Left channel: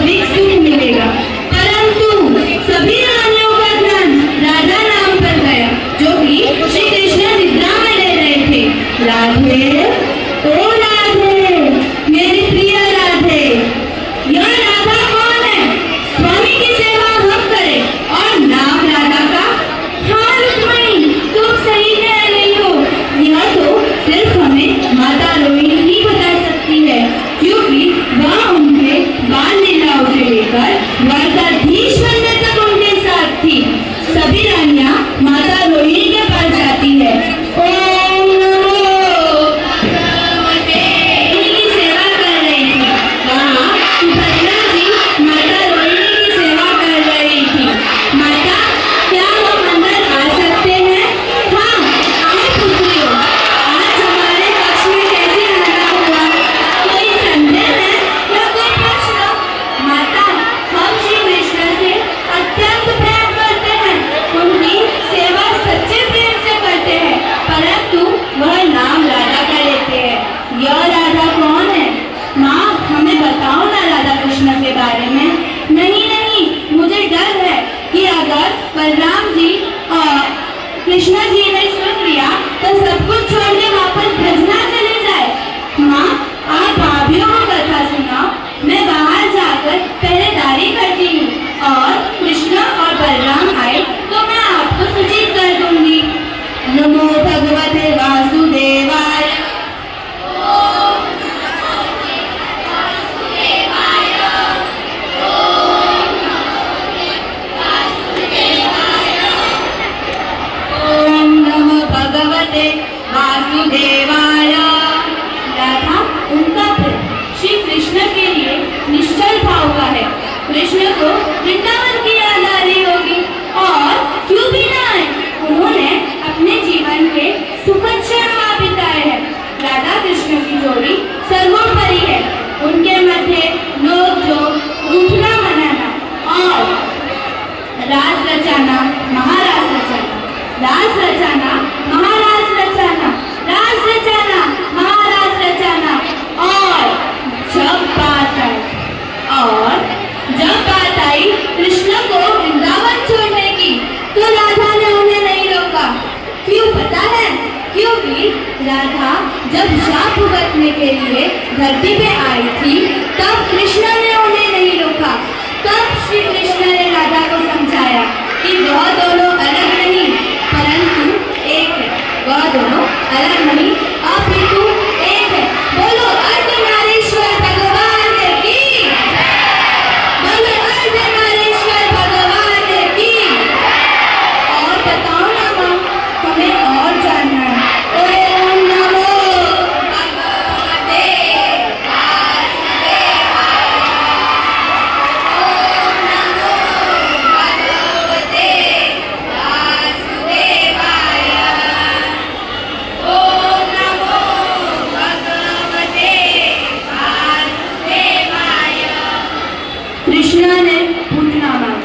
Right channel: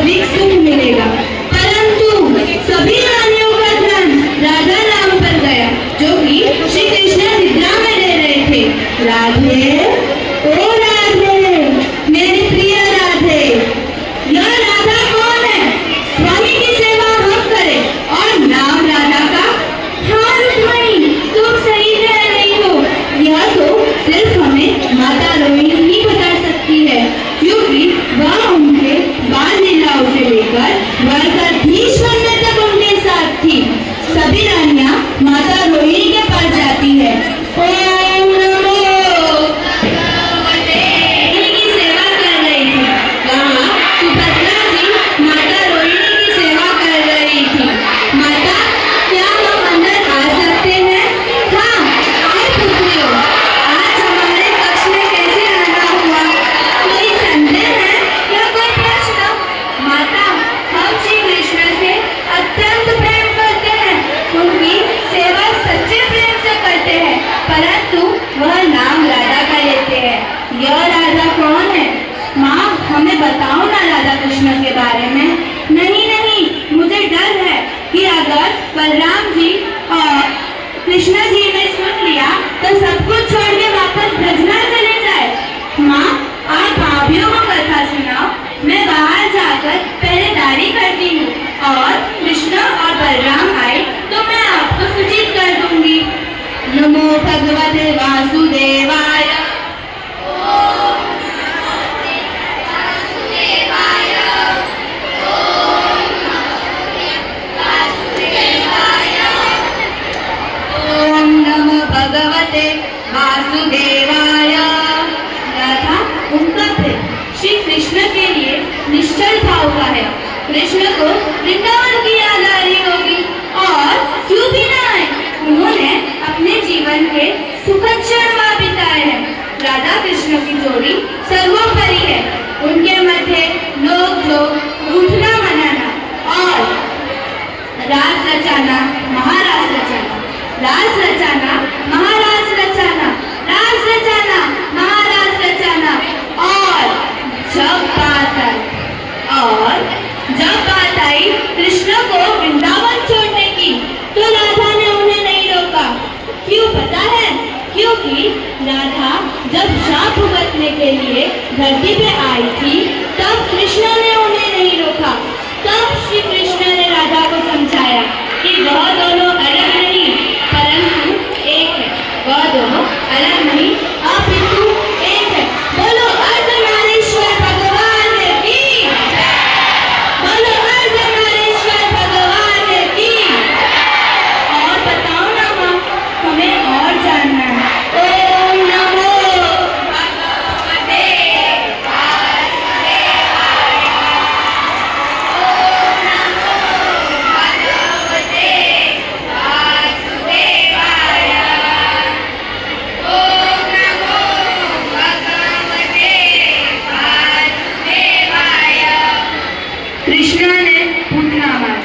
सभी सुख मिलेगा। परंतु सभी रानियों का ध्यान राधा नाम पर गया, जो कि श्री कृष्ण निद्रा में रह रहे थे। राधे, ओ राधे, मेरी प्रिय राधे, यह राधा कौन है? स्वामी की सेवा हम करें और नाम राधा का? हाँ रुक्मिणी, तुम सही कह रही हो। यह तो सिर्फ हमें माता रोहिणी ही बता सकती है, क्योंकि वह उनके बाल लीलाओं से लेकर द्वारकाधीश बनने तक उनके साथ थी। सभी रानियां माता रोहिणी के पास जाती है। ओम नमो भगवते, की सेवा कर रही थी। वहाँ सुभद्रा जी माता रोहिणी की सेवा कर रही थी। माता, क्या हम अंदर आ सकते हैं? हाँ, आओ पुत्रियों। आज हमारे कक्ष में कैसे आना हुआ? कोई संदेह है या कोई प्रश्न? माता, हम श्री कृष्ण से अत्यंत प्रेम करते हैं, उनकी सेवा सच्चे प्रेम से करते हैं, परंतु वह नाम राधा का लेते हैं। यह राधा कौन है? माँ, हमें बताओ ना राधा कृष्ण के बारे में। नहीं नहीं, मुझे डर है कि अगर बलराम जी और कृष्ण जी ने सुन लिया तो सब कुछ छोड़ के वापस भजना चले जाए। माँ, आप भाभीयों को कथा सुनाओ, मैं बाहर जाकर पहरेदारी करती हूँ और कृष्ण और बलराम आए तो मैं आपको सूचित कर दूंगी। नमो भगवते वासुदेवाय। ओम नमो भगवते वासुदेवाय। राधा, उनका प्रेम श्री कृष्ण के लिए निश्चल भाव का है। कृष्ण को वृंदावन की याद आ रही होगी, और क्यों भी ना आए। उन्होंने अपने जीवन के सुखद क्षण वहाँ बिताए हैं। राधा कृष्ण की जोड़ी सर्वोपरि है। उनके मध्य लोग जो उठना मनाना और रास रचाना, महारास रचाना, रास रचाना, महारास रचाना, रास रचाना, महारास रचाना, और जब बात आई कृष्ण को वृंदावन छोड़ने की, तो राधा ने उन्हें नहीं रोका। क्यों पता है? क्योंकि राधा जब शाप भुगतने के लिए धरती पे आई थी, तब कृष्ण ने उन्हें नहीं रोका। तब श्री कृष्ण ने राधा को समझाया कि वह दोनों अलग नहीं, परंतु एक है। वह दोनों अलग नहीं, अपितु एक है। बोलो अर्धनारीश्वर भगवान की, बोलो अर्धनारीश्वर भगवान की। और बताओ ना माँ, हमें और जानना है। ओम नमो भगवते वासुदेवाय। ओम नमो भगवते वासुदेवाय। ओम नमो भगवते वासुदेवाय। कृष्ण ने पूतना मारा,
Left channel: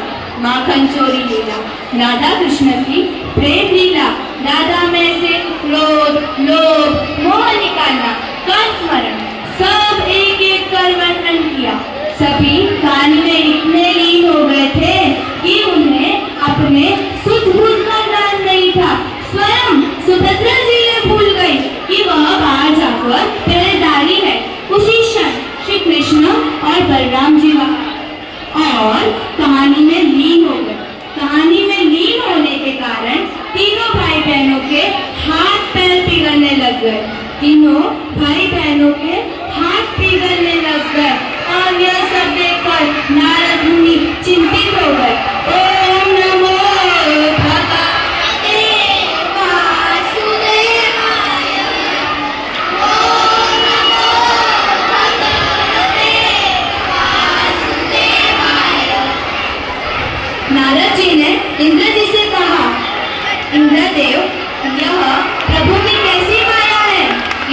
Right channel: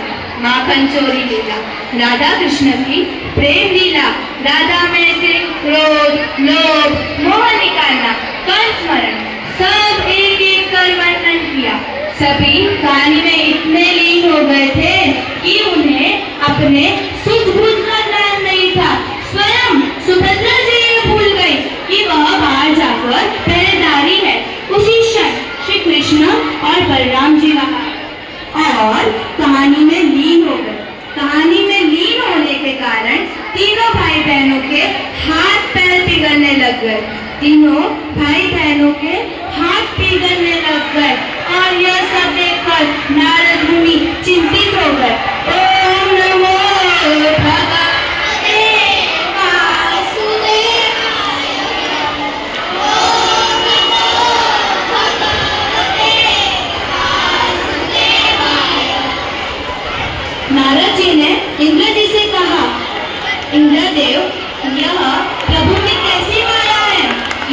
माखन चोरी लीला, राधा कृष्ण की प्रेम लीला, राधा में से क्रोध, लोभ, मोह निकालना, कंसमरण, सब एक एक कर वर्णन किया। सभी कहानी में इतने लीन हो गए थे कि उन्हें अपने सुध बुध का ज्ञान नहीं था। स्वयं सुभद्रा जी ये भूल गई कि वह बाहर जाकर पहरेदारी है। उसी क्षण श्री कृष्ण और बलराम जी वहाँ और कहानी में लीन हो गए। कहानी में लीन होने के कारण तीनों भाई बहनों के हाथ पैर पिघलने लग गए। तीनों भाई बहनों के हाथ पिघलने लग गए, और यह सब देखकर नारद मुनि चिंतित हो गए। ओम नमो भगवते वासुदेवाय। ओम नमो भगवते वासुदेवाय। नारद जी ने इंद्र जी से कहा, इंद्रदेव, यह प्रभु की कैसी माया है?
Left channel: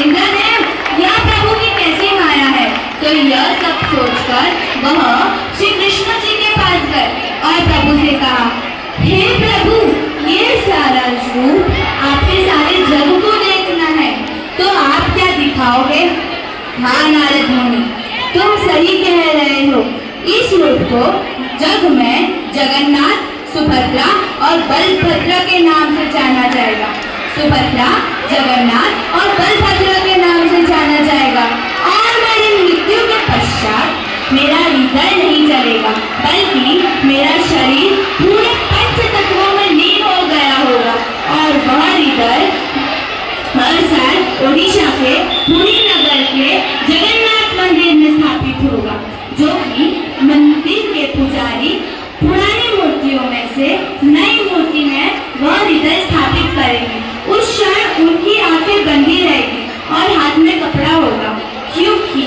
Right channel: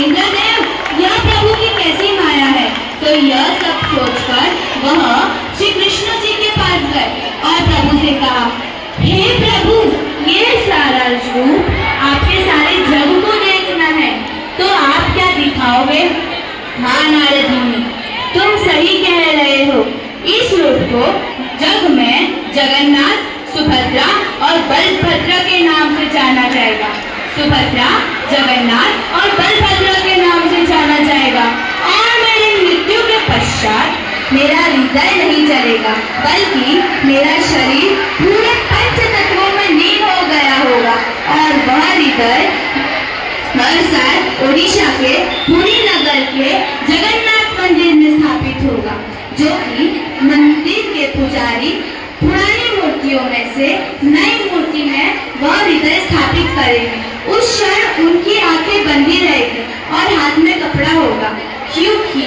इंद्रदेव, यह प्रभु की कैसी माया है? तो यह सब सोचकर वह श्री कृष्ण जी के पास गए और प्रभु से कहा, हे प्रभु, ये सारा रूप आपके सारे जग को देखना है, तो आप क्या दिखाओगे? हाँ नारद मुनि, तुम सही कह रहे हो। इस को जग में जगन्नाथ, सुभद्रा और बलभद्र के नाम से जाना जाएगा। सुभद्रा, जगन्नाथ और बलभद्र के नाम से जाना जाएगा। और मेरी मृत्यु के पश्चात मेरा हृदय नहीं चलेगा, बल्कि मेरा शरीर पूरे पंच तत्वों में लीन हो गया होगा और वह हृदय हर साल ओडिशा के पुरी नगर के जगन्नाथ मंदिर में स्थापित होगा, जो कि मंदिर के पुजारी पुरानी मूर्तियों में से नई मूर्ति में वह हृदय स्थापित करेंगे। उस क्षण उनकी आंखें बंदी रहेगी और हाथ में कपड़ा होगा, क्योंकि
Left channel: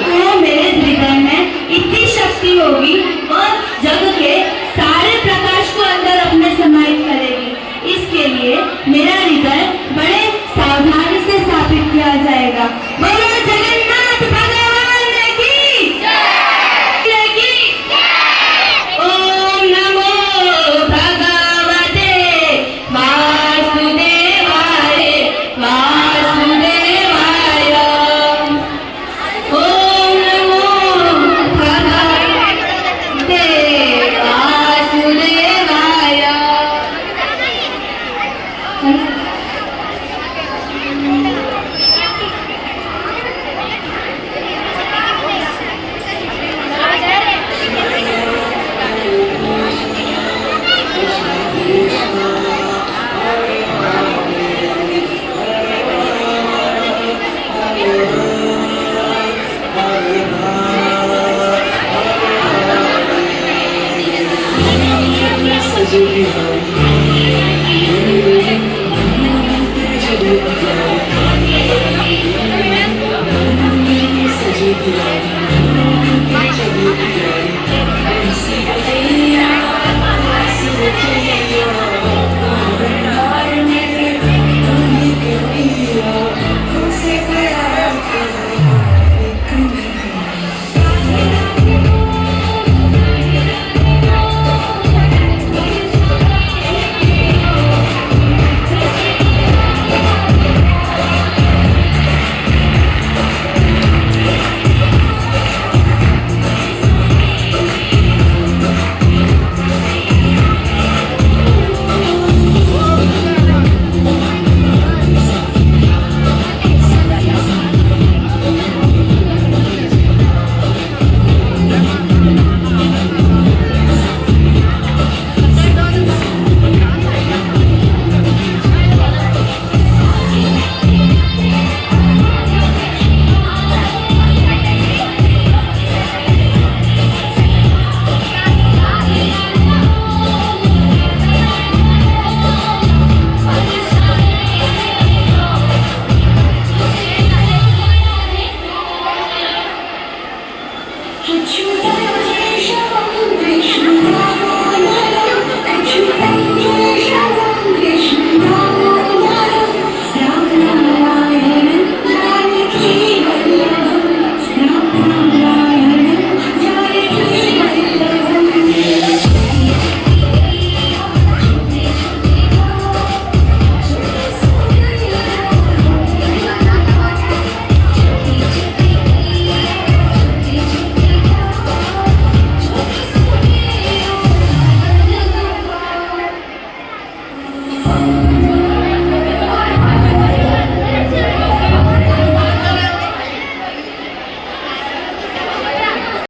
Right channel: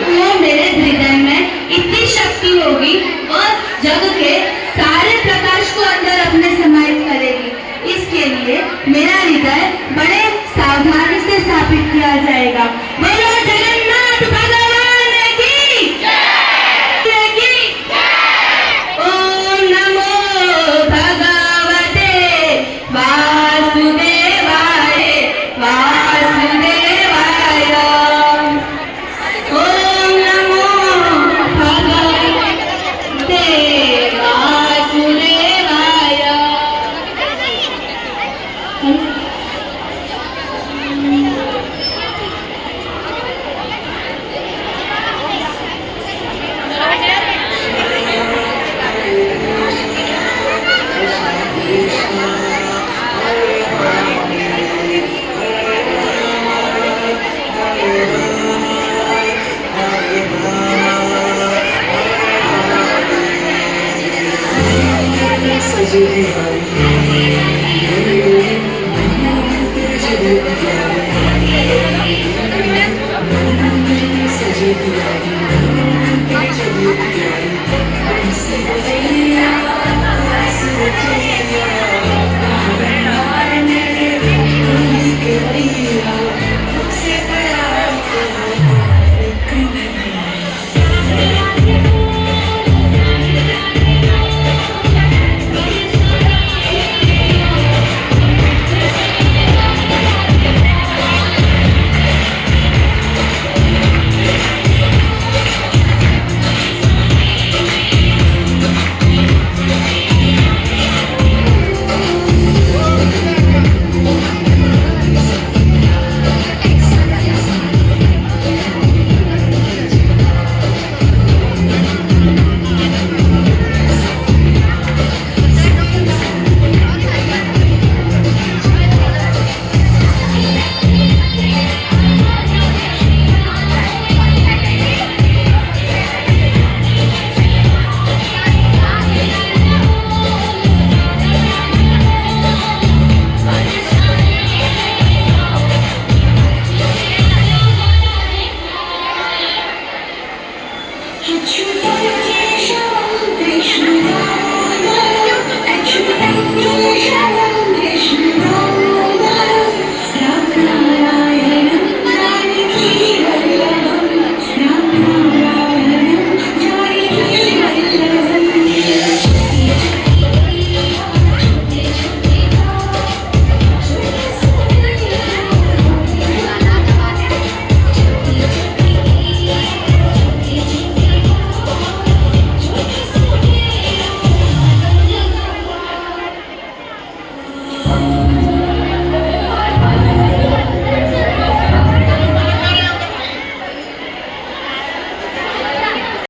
वो मेरे हृदय में इतनी शक्ति होगी, वह जग के सारे प्रकाश को अंदर अपने समाहित करेगी। इसके लिए मेरा हृदय बड़े सावधानी से स्थापित किया जाएगा। बोलो जगन्नाथ भगवान की जय। ओम नमो भगवते वासुदेवाय वासुदेवाय। ओम नमो भगवते वासुदेवाय। But you